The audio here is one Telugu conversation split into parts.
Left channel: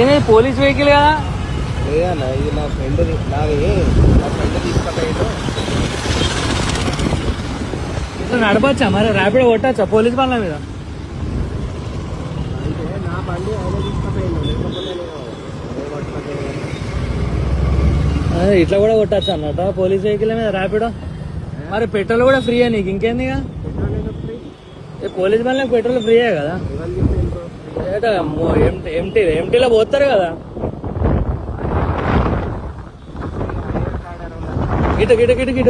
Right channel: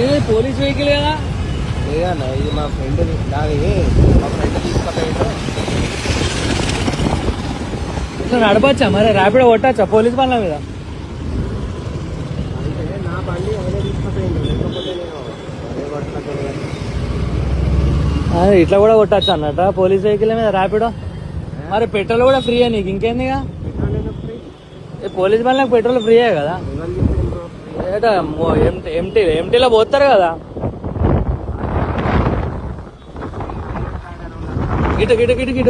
ఏది పోలీస్ వెహికల్ కదా? లేదన్నా ఇది మా ఫ్రెండ్ తీసుకుపోయిండు. ఇట్లా నడపచ్చా మరి? ర్యాపిడో కొట్టచ్చా పోలీస్ బండ్ల మీద? అంటే నా బండి ఆయన తీసుకుపోయిండు, లేకపోతే నేను ఇట్లా కూడా కొట్టచ్చు అన్నట్ట పోలీస్ వెహికల్ మీద ర్యాపిడో? మరి పెట్రోల్ కూడా ఫ్రీయే నీకు, ఇంకేందిగా? పోలీస్ బండ్లకు పెట్రోల్ ఫ్రీయే కదా? ఎంటీలో పోతారు కదా. గిట గిట గిట గిట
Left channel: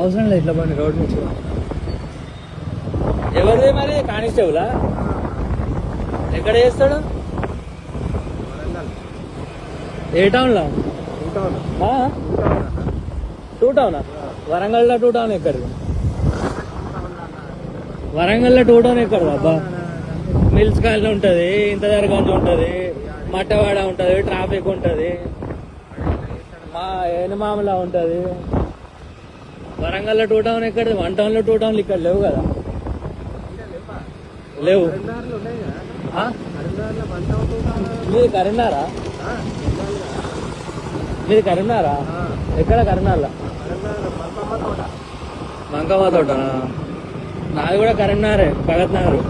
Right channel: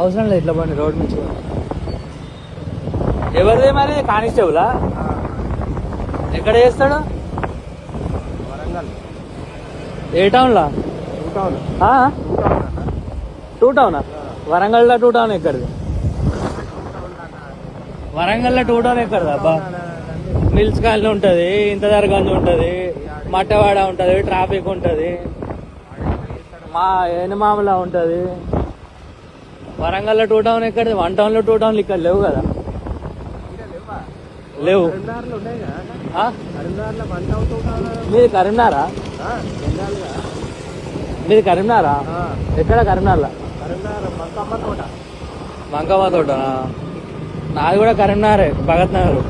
అవసరం లేదు ఇట్లా బండి రోడ్ నుంచి. ఎవరిదే మరి? కానిస్టేబులా? ఎక్కడ చేస్తాడు? ఏ టౌన్లా? టూ టౌనా? వరంగల్లో టూ టౌన్ ఎక్కడిది? వరంగల్లో టూ టౌన్ ఎక్కడిది అబ్బా? మిల్స్ కాలనీ ఉంటది, ఇంతదార్ గంజ్ ఉంటది, మట్టవాడ ఉంటది, ట్రాఫిక్ ఉంటది, మా ఎనిమామలా ఉంటది. వరంగల్లో టూ టౌన్ ఎక్కడిది? వన్ టౌన్ లో టూ టౌన్లు ఇక్కడ లేవు కదా? లేవు. మీది కరీంనగరా? మీది కరీంనగరా? ఎక్కడ కరీంనగర్లో? మంకమ్మ తోట. నాది కూడా కరీంనగరే, భగత్ నగర్.